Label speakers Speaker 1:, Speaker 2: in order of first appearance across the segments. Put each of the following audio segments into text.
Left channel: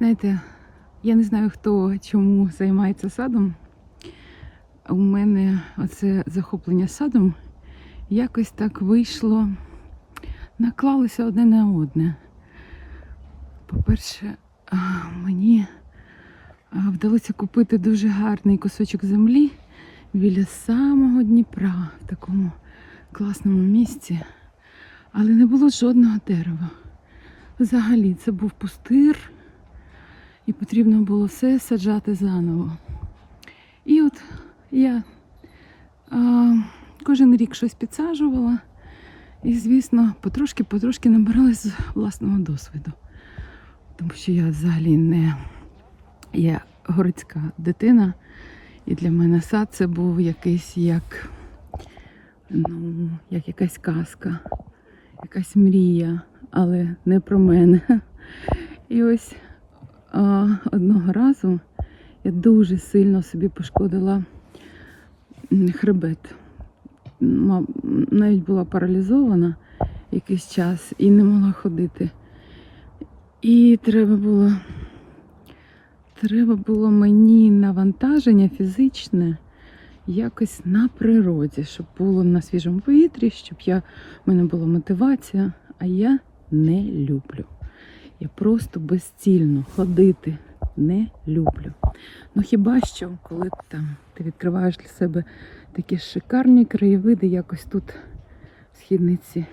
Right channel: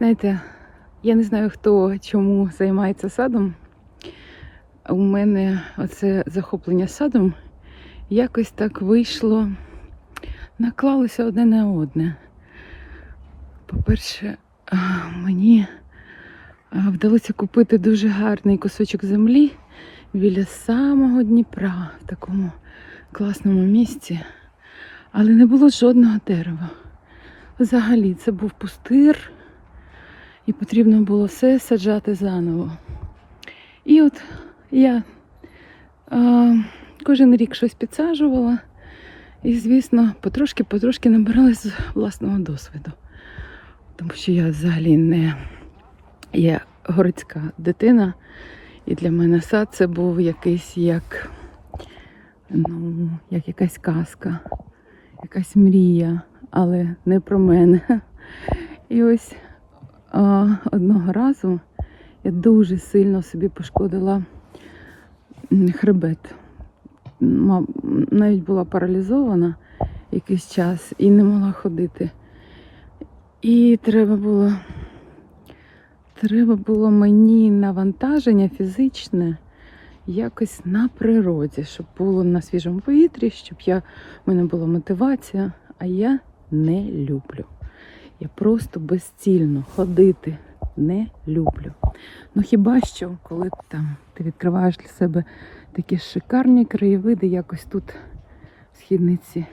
Speaker 1: Знаєте, я не знаю, хто чому займається садом. У мене оце захоплення садом якось так вийшло, наклалося одне на одне. По-перше, мені вдалося купити дуже гарний кусочок землі біля самого Дніпра, в такому класному місці, але не було жодного дерева. Взагалі, це був пустир, і потрібно було все саджати заново. І от я а, кожен рік щось підсаджувала, і, звісно, потрошки-потрошки набиралась з власного досвіду. Тому що я взагалі не є городська дитина, і для мене сад це був якийсь як, ну, як якась казка, якась мрія, але не про мене. І ось одного разу я дуже сильно собі пошкодила хребет. Навіть була паралізована якийсь час і не могла ходити. І треба було, треба було мені навантаження фізичне якось на природі, щоб було на свіжому повітрі, щоб я, в мене була мотивація, а я не люблю. Я просто безцільно ходити не люблю. Ну хіба що, коли там ти відкриваєш для себе такі шикарні краєвиди, якось тут в східниці.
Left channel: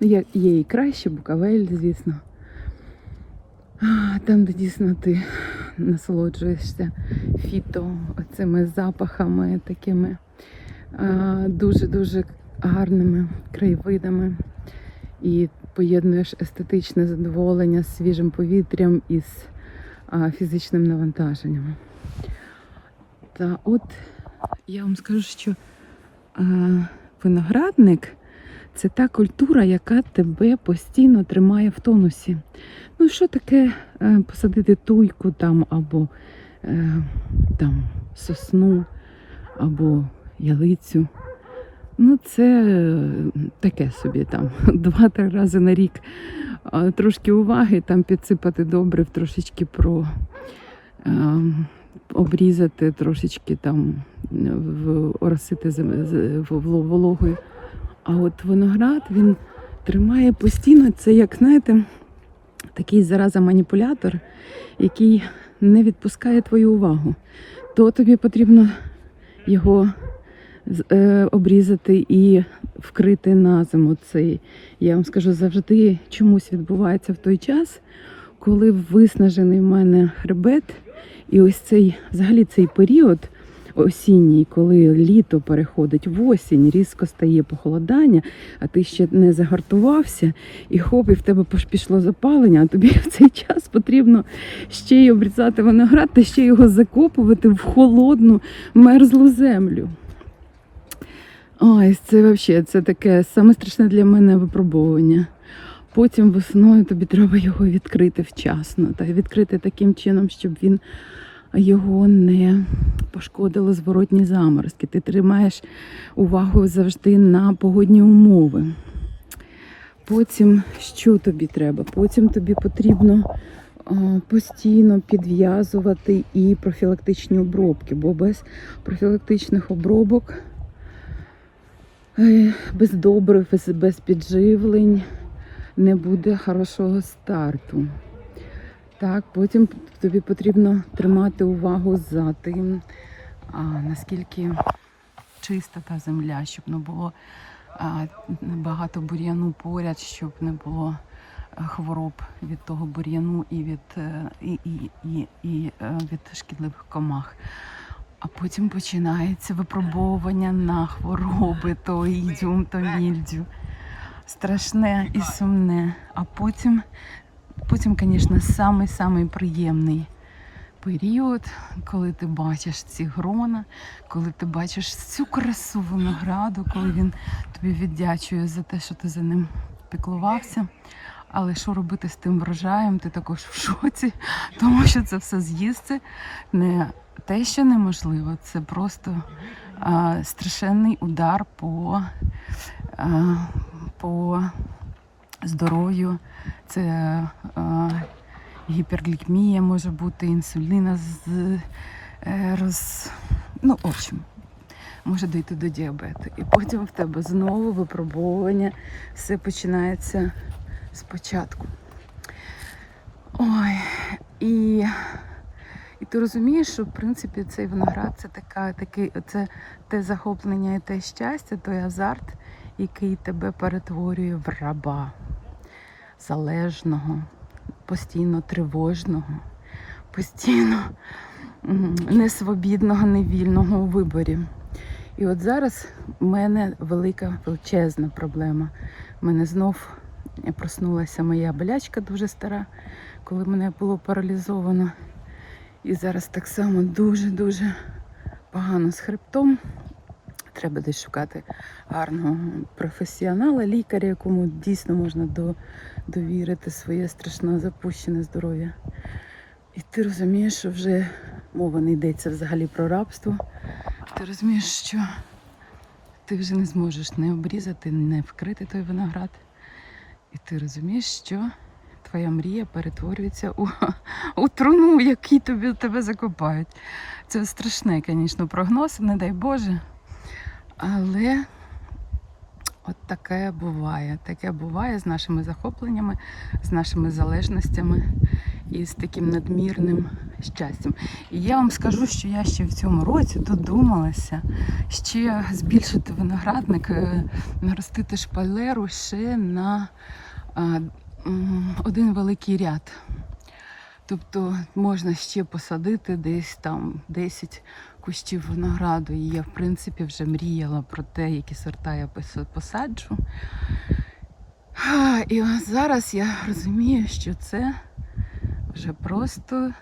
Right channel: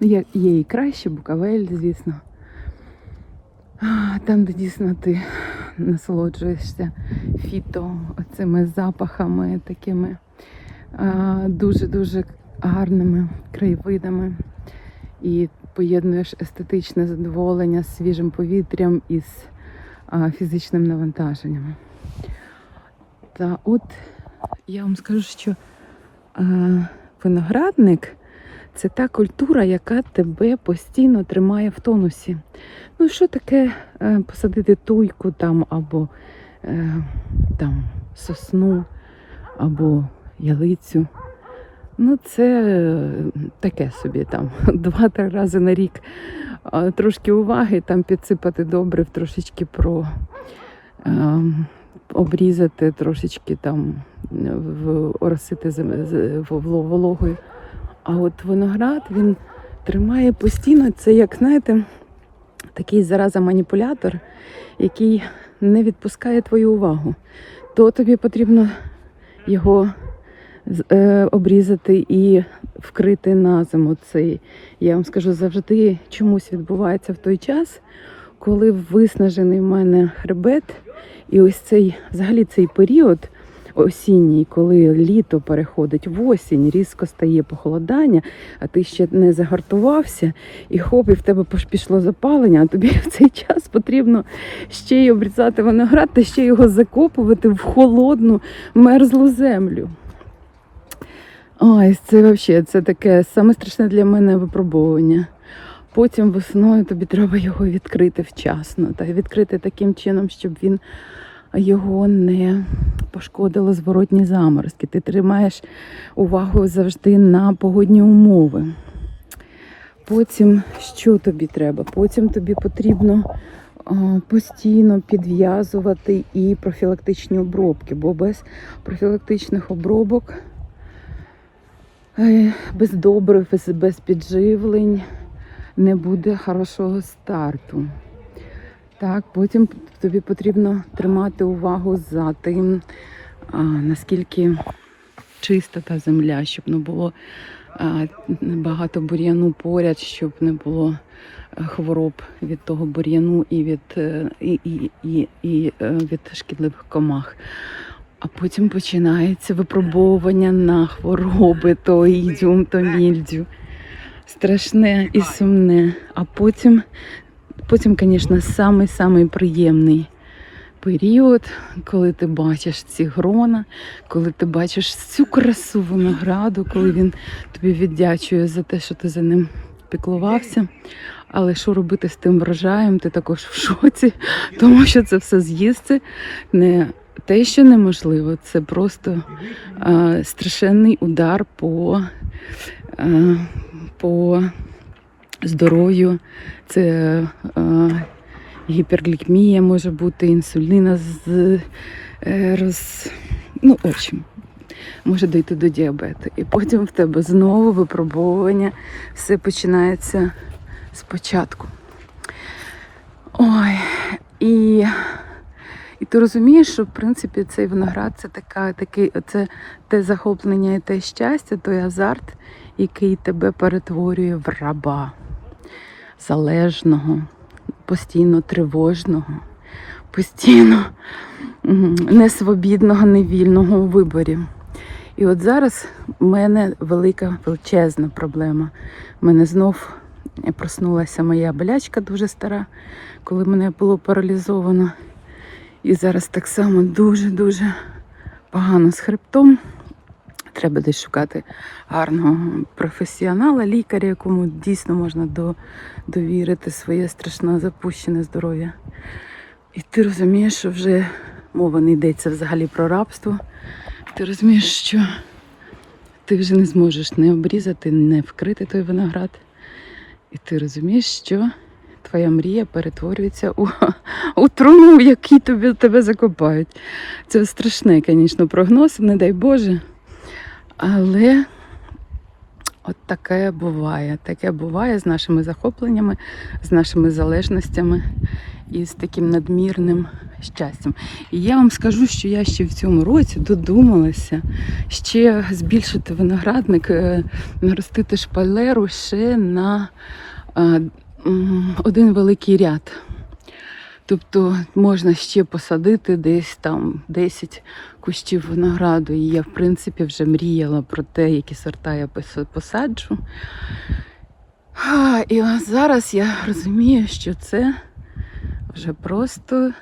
Speaker 1: Ну, є, є і краще, Буковель, звісно. Там, де дійсно ти насолоджуєшся фіто, цими запахами, такими дуже-дуже гарними краєвидами. І поєднуєш естетичне задоволення з свіжим повітрям і з фізичним навантаженням. Та от я вам скажу, що виноградник це та культура, яка тебе постійно тримає в тонусі. Ну, що таке е, посадити туйку там або е, там сосну, або ялицю. Ну, це е, таке собі там два-три рази на рік. Трошки уваги, там підсипати добрив, трошечки про е, обрізати, трошечки там оросити з- в- в- вологою. А от виноград він тримає постійно, це як, знаєте, такий зараза маніпулятор, який не відпускає твою увагу. То тобі потрібно його е, обрізати і вкрити на зиму. Цей, я вам скажу, завжди чомусь відбувається в той час, коли виснажений в мене хребет, і ось цей, взагалі цей період осінній, коли літо переходить в осінь, різко стає похолодання, а ти ще не загартувався, і хоп, і в тебе пішло запалення, а тобі в цей час потрібно ще й обрізати виноград та ще його закопувати в холодну мерзлу землю. Ой, це взагалі це таке саме страшне для мене випробовування. Потім весною тобі треба його відкрити вчасно та відкрити таким чином, щоб він його не пошкодили зворотні заморозки. Ти тримаєш увагу завжди на погодні умови. Потім що тобі треба? Потім тобі потрібно постійно підв'язувати і профілактичні обробки, бо без профілактичних обробок, без добрив, без- без підживлень не буде хорошого старту. Так, потім тобі потрібно тримати увагу за тим, а, наскільки чиста та земля, щоб не було а, багато бур'яну поряд, щоб не було е, хвороб від того бур'яну і від, е, і, і, і, і е, від шкідливих комах. А потім починається випробовування на хвороби, то ідіум, то мільдю. Страшне і сумне. А потім Потім, звісно, самий-самий приємний період, коли ти бачиш ці грона, коли ти бачиш цю красу винограду, коли він тобі віддячує за те, що ти за ним піклувався. Але що робити з тим врожаєм, ти також в шоці, тому що це все з'їсти те, що неможливо, це просто а, страшенний удар по, а, по здоров'ю. Це е, гіперглікемія може бути, інсуліна з е, роз. Ну, в общем, може дійти до діабету. І потім в тебе знову випробовування, все починається спочатку. Ой, і, і ти розумієш, що в принципі цей виноград це така, такий, це те захоплення і те щастя, той азарт, який тебе перетворює в раба залежного, постійно тривожного, постійно несвобідного, невільного у виборі. І от зараз в мене велика величезна проблема. У мене знов проснулася моя болячка дуже стара, коли мене було паралізовано. І зараз так само дуже-дуже погано з хребтом. Треба десь шукати гарного професіонала, лікаря, якому дійсно можна до, довірити своє страшно запущене здоров'я. І ти розумієш, що вже мова не йдеться взагалі про рабство. Ти розумієш, що ти вже не зможеш не обрізати, не вкрити той виноград. І ти розумієш, що твоя мрія перетворюється у, у труну, в якій тобі, тебе закопають. Це страшний, звісно, прогноз, не дай Боже. Але от таке буває. Таке буває з нашими захопленнями, з нашими залежностями і з таким надмірним щастям. І я вам скажу, що я ще в цьому році додумалася ще збільшити виноградник, е, наростити шпалеру ще на е, один великий ряд. Тобто можна ще посадити десь там 10 кущів винограду. І я, в принципі, вже мріяла про те, які сорта я посаджу. А, І зараз я розумію, що це вже просто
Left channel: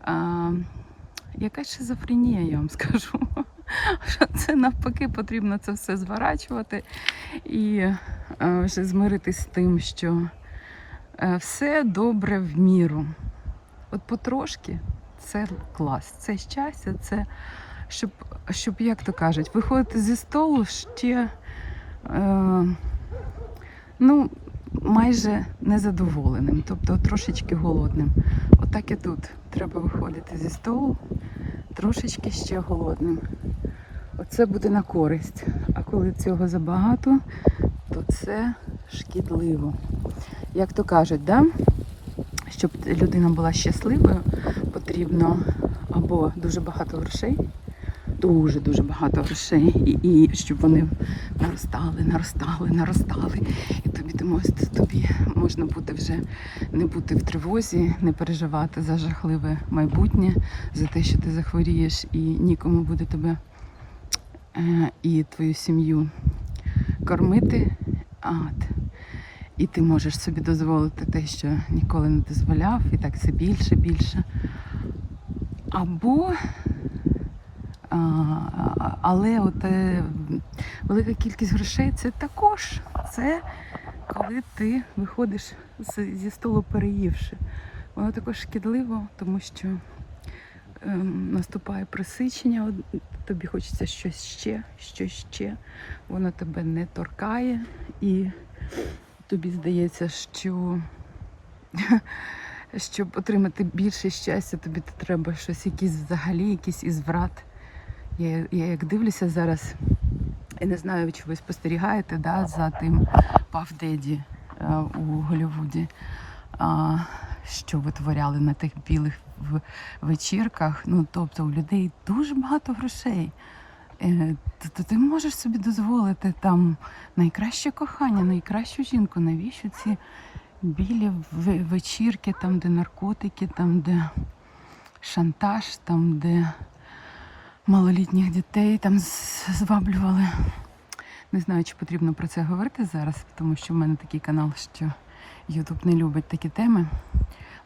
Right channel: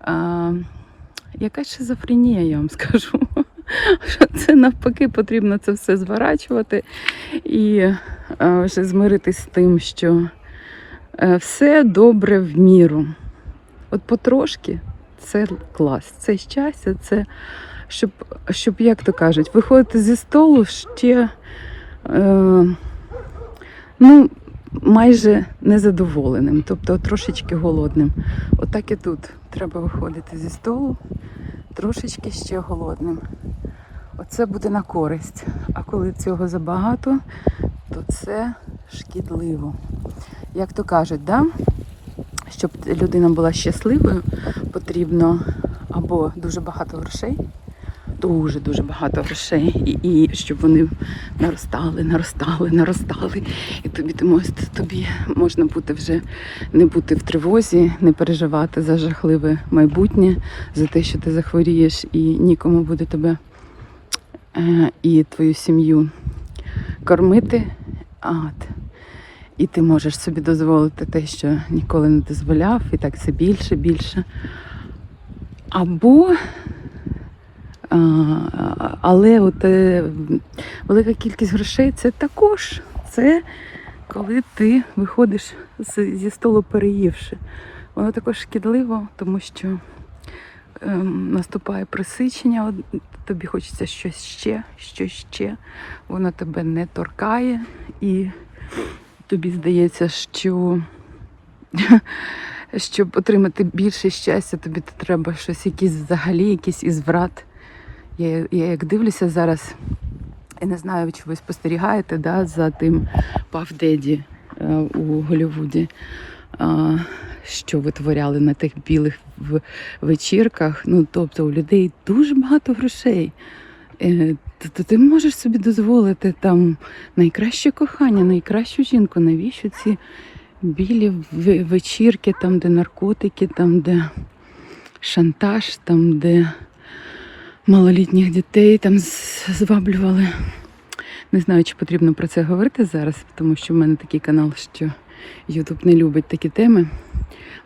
Speaker 1: а, якась шизофренія, я вам скажу. Що це навпаки потрібно це все зворачувати і а, вже змиритись з тим, що все добре в міру. От потрошки це клас, це щастя, це щоб, щоб як то кажуть, виходити зі столу ще е, ну, майже незадоволеним, тобто трошечки голодним. Отак і тут треба виходити зі столу трошечки ще голодним. Оце буде на користь. А коли цього забагато, то це шкідливо. Як то кажуть, да? щоб людина була щасливою, потрібно або дуже багато грошей, дуже-дуже багато грошей, і, і щоб вони наростали, наростали, наростали. І тобі, ти тобі можна бути вже не бути в тривозі, не переживати за жахливе майбутнє, за те, що ти захворієш, і нікому буде тебе е, і твою сім'ю кормити. А. І ти можеш собі дозволити те, що ніколи не дозволяв, і так це більше, більше. Або, а, але от, е, велика кількість грошей це також це коли ти виходиш зі столу переївши. Воно також шкідливо, тому що ем, наступає присичення, тобі хочеться щось ще, щось ще. Воно тебе не торкає і тобі здається, що щоб отримати більше щастя, тобі треба щось, якийсь взагалі, якийсь ізврат. Я, я як дивлюся зараз, я не знаю, чи ви спостерігаєте да, за тим Паф Деді е, у Голлівуді, що витворяли на тих білих вечірках. Ну, тобто у людей дуже багато грошей. То ти можеш собі дозволити там найкраще кохання, найкращу жінку. Навіщо ці білі вечірки, там, де наркотики, там, де шантаж, там, де малолітніх дітей там зваблювали. Не знаю, чи потрібно про це говорити зараз, тому що в мене такий канал, що Ютуб не любить такі теми.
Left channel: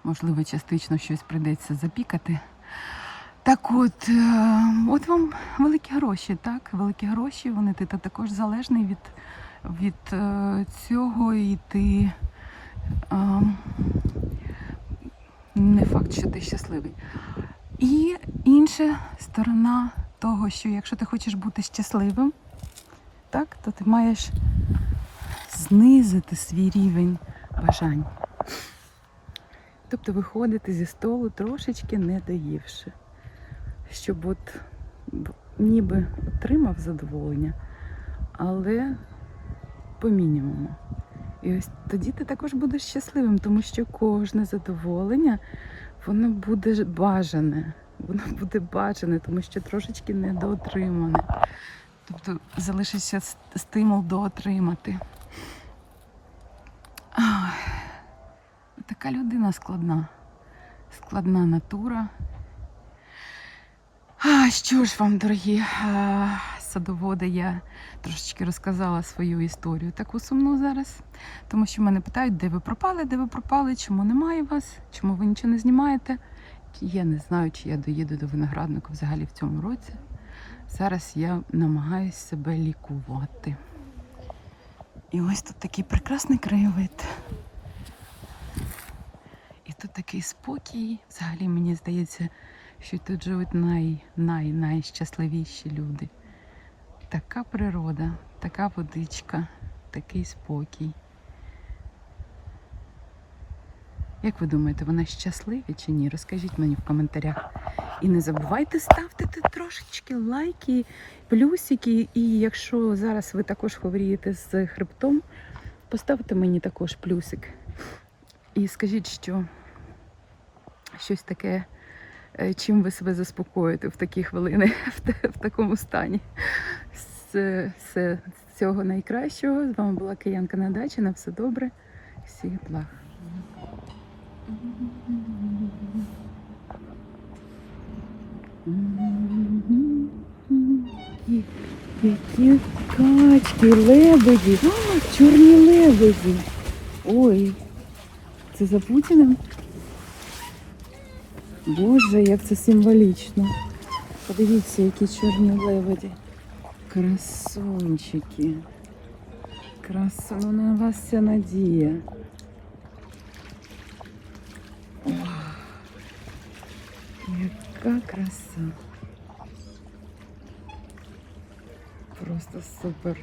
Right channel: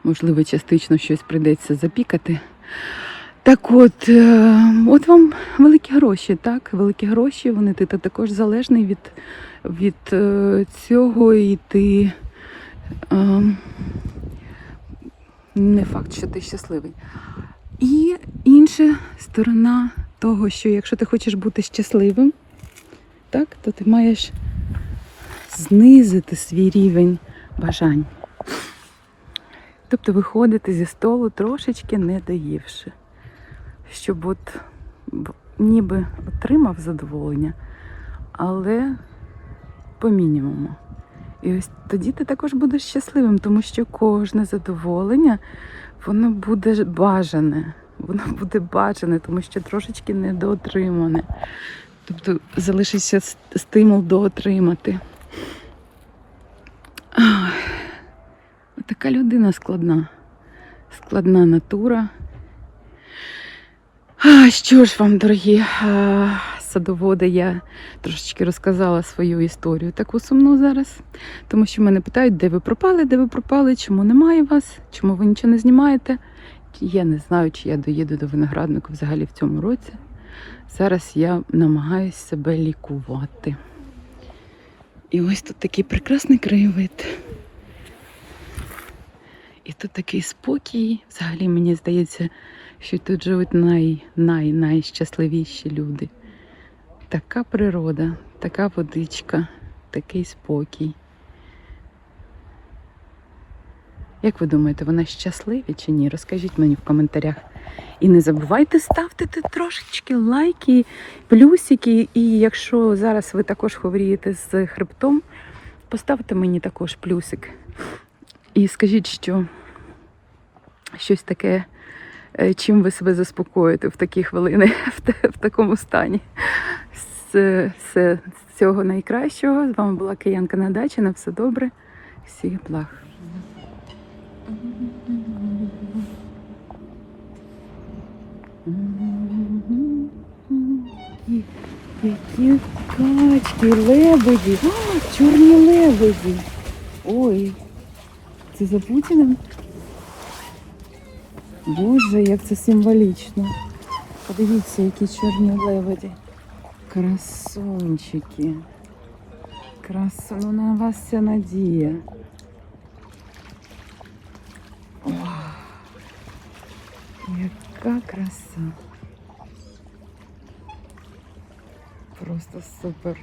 Speaker 1: Можливо, частично щось прийдеться запікати. Так от, е, от вам великі гроші, так? Великі гроші, вони ти, також залежний від, від е, цього, і ти е, не факт, що ти щасливий. І інша сторона того, що якщо ти хочеш бути щасливим, так, то ти маєш знизити свій рівень бажань. Тобто виходити зі столу трошечки не доївши, щоб от ніби отримав задоволення, але по мінімуму. І ось тоді ти також будеш щасливим, тому що кожне задоволення воно буде бажане. Воно буде бажане, тому що трошечки недоотримане. Тобто залишиться стимул доотримати. Ах, Така людина складна. Складна натура. А, що ж вам, дорогі а, садоводи, я трошечки розказала свою історію таку сумну зараз. Тому що мене питають, де ви пропали, де ви пропали, чому немає вас, чому ви нічого не знімаєте. Я не знаю, чи я доїду до винограднику взагалі в цьому році. Зараз я намагаюся себе лікувати. І ось тут такий прекрасний краєвид. І тут такий спокій. Взагалі мені здається, що тут живуть най, най, найщасливіші люди. Така природа, така водичка, такий спокій. Як ви думаєте, вони щасливі чи ні? Розкажіть мені в коментарях. І не забувайте ставити трошечки лайки, плюсики. І якщо зараз ви також хворієте з хребтом, поставте мені також плюсик. І скажіть, що щось таке, чим ви себе заспокоїте в такі хвилини, в, такому стані. Все, все цього найкращого. З вами була Киянка на дачі. На все добре. Всіх благ. Які- качки, лебеді, чорні лебеді. Ой, це за Путіним? Боже, як це символічно. Подивіться, які чорні лебеді. Красунчики. Красу, ну на вас вся надія. Ох, яка краса. Просто супер.